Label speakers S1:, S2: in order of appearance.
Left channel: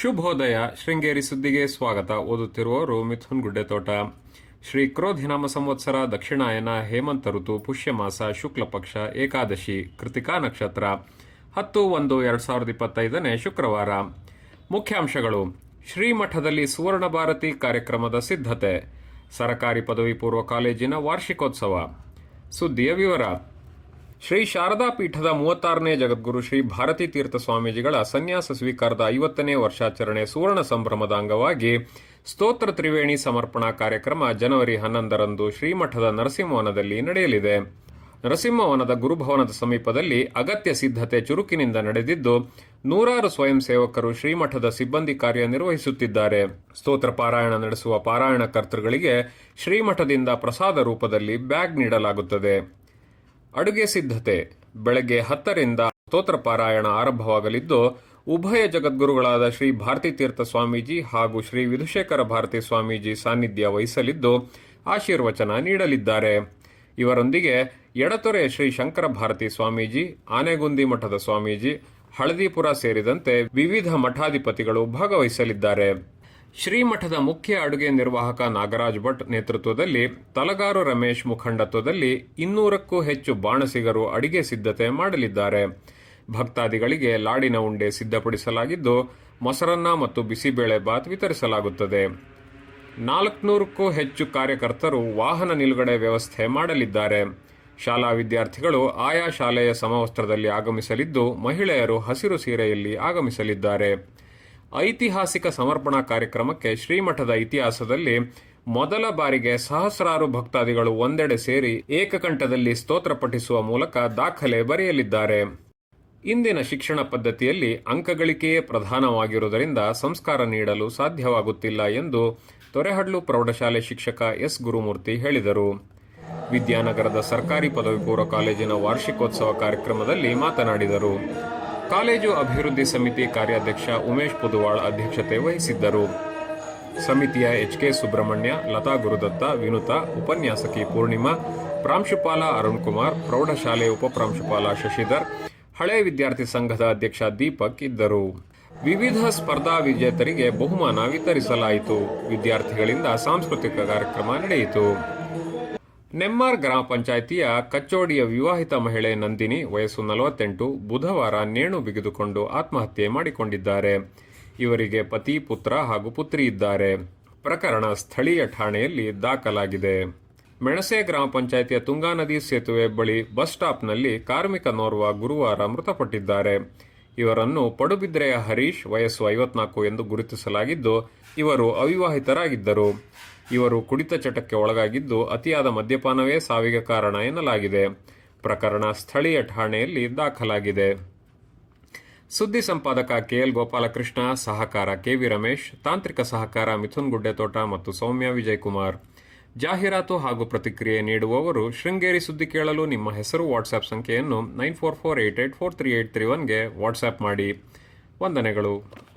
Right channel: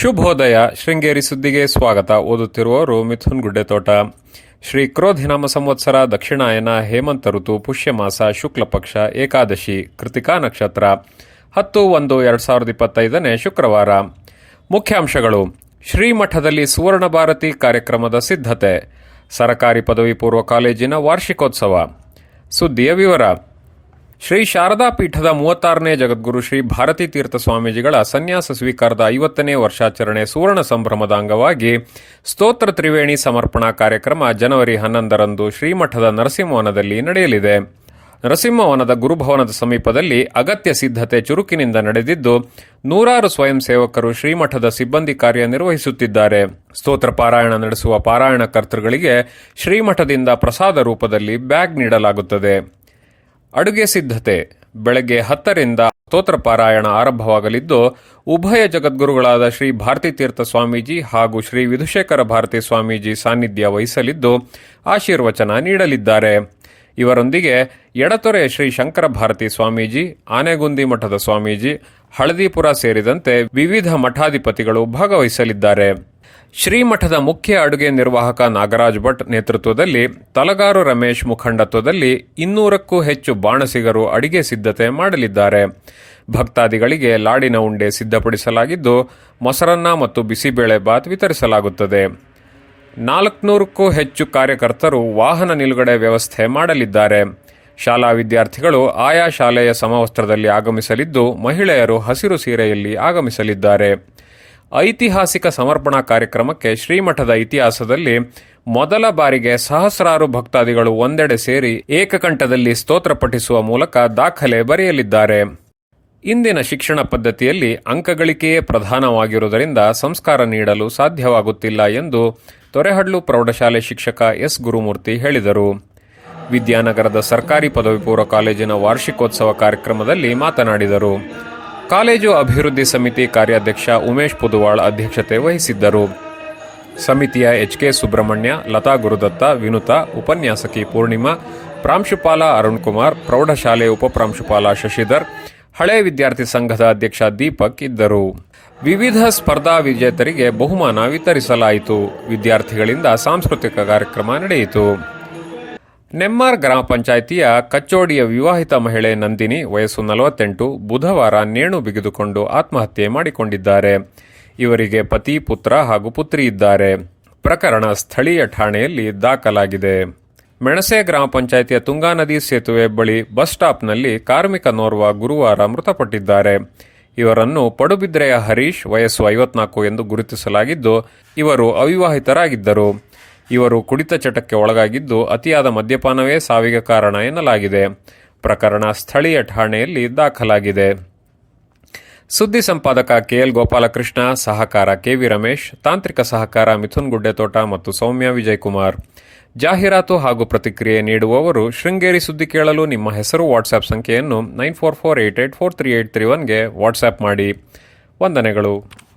S1: ಶುಭೋದಯ. ಶೃಂಗೇರಿ ಸುದ್ದಿಗೆ ಸ್ವಾಗತ. ಓದುತ್ತಿರುವವರು ಮಿಥುನ್ ಗುಡ್ಡೆತೋಟ. ಶ್ರೀ ಕ್ರೋಧಿನಾಮ ಸಂವತ್ಸರ ದಕ್ಷಿಣಾಯನ ಹೇಮಂತ ಋತು, ಪುಷ್ಯಮಾಸ ಶುಕ್ಲ ಪಕ್ಷ ಏಕಾದಶಿ, ಕೃತಿಕಾ ನಕ್ಷತ್ರ. ಹತ್ತು ಒಂದು ಎರಡು ಸಾವಿರದ ಇಪ್ಪತ್ತೈದನೇ ಶುಕ್ರವಾರ. ಮುಖ್ಯಾಂಶಗಳು. ಶ್ರೀಮಠದಲ್ಲಿ ಸುವರ್ಣ ಭಾರತಿ ಕಾರ್ಯಕ್ರಮದ ಸಿದ್ಧತೆ. ಸರಕಾರಿ ಪದವಿ ಪೂರ್ವ ಕಾಲೇಜಿನ ವಾರ್ಷಿಕೋತ್ಸವ. ಸುದ್ದಿಯ ವಿವರ. ಶ್ರೀ ಶಾರದಾ ಪೀಠದ ಮೂವತ್ತಾರನೇ ಜಗದ್ಗುರು ಶ್ರೀ ಭಾರತೀ ತೀರ್ಥ ಸ್ವಾಮೀಜಿಗಳ ಸನ್ಯಾಸ ಸ್ವೀಕಾರದ ಐವತ್ತನೇ ವರ್ಷಾಚರಣೆ ಸುವರ್ಣ ಸಂಭ್ರಮದ ಅಂಗವಾಗಿ ಸ್ತೋತ್ರ ತ್ರಿವೇಣಿ ಸಮರ್ಪಣಾ ಕಾರ್ಯಕ್ರಮ ಜನವರಿ ಹನ್ನೊಂದರಂದು ಶ್ರೀಮಠದ ನರಸಿಂಹವನದಲ್ಲಿ ನಡೆಯಲಿದೆ. ನರಸಿಂಹವನದ ಗುರುಭವನದ ಸಮೀಪದಲ್ಲಿ ಅಗತ್ಯ ಸಿದ್ಧತೆ ಚುರುಕಿನಿಂದ ನಡೆದಿದ್ದು, ನೂರಾರು ಸ್ವಯಂ ಸೇವಕರು ಶ್ರೀಮಠದ ಸಿಬ್ಬಂದಿ ಕಾರ್ಯ ನಿರ್ವಹಿಸುತ್ತಿದ್ದಾರೆ. ಸ್ತೋತ್ರ ಪಾರಾಯಣ ನಡೆಸುವ ಪಾರಾಯಣ ಕರ್ತೃಗಳಿಗೆ ಶ್ರೀಮಠದಿಂದ ಪ್ರಸಾದ ರೂಪದಲ್ಲಿ ಬ್ಯಾಗ್ ನೀಡಲಾಗುತ್ತದೆ. ಅಡುಗೆ ಸಿದ್ಧತೆ. ಬೆಳಗ್ಗೆ ಹತ್ತರಿಂದ ಸ್ತೋತ್ರ ಪಾರಾಯಣ ಆರಂಭವಾಗಲಿದ್ದು, ಉಭಯ ಜಗದ್ಗುರುಗಳಾದ ಶ್ರೀ ಭಾರತೀ ತೀರ್ಥ ಸ್ವಾಮೀಜಿ ಹಾಗೂ ಶ್ರೀ ವಿಧುಶೇಖರ ಭಾರತಿ ಸ್ವಾಮೀಜಿ ಸಾನ್ನಿಧ್ಯ ವಹಿಸಲಿದ್ದು, ಆಶೀರ್ವಚನ ನೀಡಲಿದ್ದಾರೆ. ಇವರೊಂದಿಗೆ ಎಡತೊರೆ ಶ್ರೀ ಶಂಕರ ಭಾರತಿ ಸ್ವಾಮೀಜಿ, ಆನೆಗುಂದಿ ಮಠದ ಸ್ವಾಮೀಜಿ, ಹಳದಿಪುರ ಸೇರಿದಂತೆ ವಿವಿಧ ಮಠಾಧಿಪತಿಗಳು ಭಾಗವಹಿಸಲಿದ್ದಾರೆ. ಶ್ರೀಮಠದ ಮುಖ್ಯ ಅಡುಗೆ ನಿರ್ವಾಹಕ ನಾಗರಾಜ್ ಭಟ್ ನೇತೃತ್ವದಲ್ಲಿ ತಲಗಾರು ರಮೇಶ್ ಮುಖಂಡತ್ವದಲ್ಲಿ ಇನ್ನೂರಕ್ಕೂ ಹೆಚ್ಚು ಬಾಣಸಿಗರು ಅಡಿಗೆ ಸಿದ್ಧತೆ ಮಾಡಲಿದ್ದಾರೆ. ಭಕ್ತಾದಿಗಳಿಗೆ ಲಾಡಿನ ಉಂಡೆ ಸಿದ್ಧಪಡಿಸಲಾಗಿದ್ದು, ಮೊಸರನ್ನ ಮತ್ತು ಬಿಸಿಬೇಳೆ ಬಾತ್ ವಿತರಿಸಲಾಗುತ್ತದೆ. ನಾಲ್ಕುನೂರಕ್ಕೂ ಹೆಚ್ಚು ಕಾರ್ಯಕರ್ತರು ವಾಹನ ನಿಲುಗಡೆ ವ್ಯವಸ್ಥೆ ಮಾಡಲಿದ್ದಾರೆ. ಶಾಲಾ ವಿದ್ಯಾರ್ಥಿಗಳು ಆಯಾ ಶಾಲೆಯ ಸಮವಸ್ತ್ರದಲ್ಲಿ ಆಗಮಿಸಲಿದ್ದು, ಮಹಿಳೆಯರು ಹಸಿರು ಸೀರೆಯಲ್ಲಿ ಆಗಮಿಸಲಿದ್ದಾರೆ. ಐತಿಹಾಸಿಕ ಸಮರ್ಪಣಾ ಕಾರ್ಯಕ್ರಮಕ್ಕೆ ಶ್ರೀಮಠದ ಇತಿಹಾಸದಲ್ಲಿ ಮೊದಲ ಬಾರಿಗೆ ಸಹಸ್ರಾರು ಭಕ್ತಾದಿಗಳು ಒಂದೆಡೆ ಸೇರಿ ಏಕಕಂಠದಲ್ಲಿ ಸ್ತೋತ್ರ ಪಠಿಸುವ ಮೂಲಕ ದಾಖಲೆ ಬರೆಯಲಿದ್ದಾರೆ. ಇಂದಿನ ಶಿಕ್ಷಣ ಪದ್ಧತಿಯಲ್ಲಿ ಅಂಕಗಳಿಕೆಯೇ ಪ್ರಧಾನವಾಗಿರುವುದರಿಂದ ಸಂಸ್ಕಾರ ನೀಡಲು ಸಾಧ್ಯವಾಗುತ್ತಿಲ್ಲ ಎಂದು ತೊರೆಹಡ್ಲು ಪ್ರೌಢಶಾಲೆ ಶಿಕ್ಷಕ ಎಸ್. ಗುರುಮೂರ್ತಿ ಹೇಳಿದರು. ವಿದ್ಯಾನಗರದ ಸರ್ಕಾರಿ ಪದವಿ ಪೂರ್ವ ಕಾಲೇಜಿನ ವಾರ್ಷಿಕೋತ್ಸವ ಕಾರ್ಯಕ್ರಮದಲ್ಲಿ ಮಾತನಾಡಿದರು. ಕಾಲೇಜು ಅಭಿವೃದ್ಧಿ ಸಮಿತಿ ಕಾರ್ಯಾಧ್ಯಕ್ಷ ಉಮೇಶ್ ಪುದುವಾಳ್ ಅಧ್ಯಕ್ಷತೆ ವಹಿಸಿದ್ದರು. ಸಮಿತಿಯ ಎಚ್ ಕೆ ಸುಬ್ರಹ್ಮಣ್ಯ, ಲತಾ ಗುರುದತ್ತ, ವಿನುತಾ, ಉಪನ್ಯಾಸಕಿ ಪೂರ್ಣಿಮಾ, ಪ್ರಾಂಶುಪಾಲ ಅರುಣ್ ಕುಮಾರ್, ಪ್ರೌಢಶಾಲೆ ಉಪಪ್ರಾಂಶುಪಾಲ ಶಶಿಧರ್, ಹಳೆ ವಿದ್ಯಾರ್ಥಿ ಸಂಘದ ಅಧ್ಯಕ್ಷ ದೀಪಕ್ ಇದ್ದರು. ವಿವಿಧ ಸ್ಪರ್ಧಾ ವಿಜೇತರಿಗೆ ಬಹುಮಾನ ವಿತರಿಸಲಾಯಿತು. ವಿದ್ಯಾರ್ಥಿಗಳಿಂದ ಸಾಂಸ್ಕೃತಿಕ ಕಾರ್ಯಕ್ರಮ ನಡೆಯಿತು. ನೆಮ್ಮಾರ್ ಗ್ರಾಮ ಪಂಚಾಯಿತಿಯ ಕಚ್ಚೋಡಿಯ ವಿವಾಹಿತ ಮಹಿಳೆ ನಂದಿನಿ ವಯಸ್ಸು ನಲವತ್ತೆಂಟು ಬುಧವಾರ ನೇಣು ಬಿಗಿದುಕೊಂಡು ಆತ್ಮಹತ್ಯೆ ಮಾಡಿಕೊಂಡಿದ್ದಾರೆ. ಇವರಿಗೆ ಪತಿ, ಪುತ್ರ ಹಾಗೂ ಪುತ್ರಿ ಇದ್ದಾರೆ. ಪ್ರಕರಣ ಸ್ಥಳೀಯ ಠಾಣೆಯಲ್ಲಿ ದಾಖಲಾಗಿದೆ. ಮೆಣಸೆ ಗ್ರಾಮ ಪಂಚಾಯಿತಿಯ ತುಂಗಾ ನದಿ ಸೇತುವೆ ಬಳಿ ಬಸ್ ಸ್ಟಾಪ್ನಲ್ಲಿ ಕಾರ್ಮಿಕನೋರ್ವ ಗುರುವಾರ ಮೃತಪಟ್ಟಿದ್ದಾರೆ. ಇವರನ್ನು ಪಡುಬಿದ್ರೆಯ ಹರೀಶ್ ವಯಸ್ಸು ಐವತ್ನಾಲ್ಕು ಎಂದು ಗುರುತಿಸಲಾಗಿದ್ದು, ಇವರು ಅವಿವಾಹಿತರಾಗಿದ್ದರು. ಇವರು ಕುಡಿತ ಚಟಕ್ಕೆ ಒಳಗಾಗಿದ್ದು, ಅತಿಯಾದ ಮದ್ಯಪಾನವೇ ಸಾವಿಗೆ ಕಾರಣ ಎನ್ನಲಾಗಿದೆ. ಪ್ರಕರಣ ಸ್ಥಳೀಯ ಠಾಣೆಯಲ್ಲಿ ದಾಖಲಾಗಿದೆ. ಸುದ್ದಿ ಸಂಪಾದಕ ಕೆಎಲ್ ಗೋಪಾಲಕೃಷ್ಣ, ಸಹಕಾರ ಕೆವಿ ರಮೇಶ್, ತಾಂತ್ರಿಕ ಸಹಕಾರ ಮಿಥುನ್ ಗುಡ್ಡೆತೋಟ ಮತ್ತು ಸೌಮ್ಯ ವಿಜಯಕುಮಾರ್. ಜಾಹೀರಾತು ಹಾಗೂ ಪ್ರತಿಕ್ರಿಯೆ ನೀಡುವವರು, ಶೃಂಗೇರಿ ಸುದ್ದಿ ಕೇಳಲು ನಿಮ್ಮ ಹೆಸರು ವಾಟ್ಸ್ಆ್ಯಪ್ ಸಂಖ್ಯೆಯನ್ನು nine four four eight eight four three eight three ಒನ್ಗೆ WhatsApp ಮಾಡಿ. ವಂದನೆಗಳು.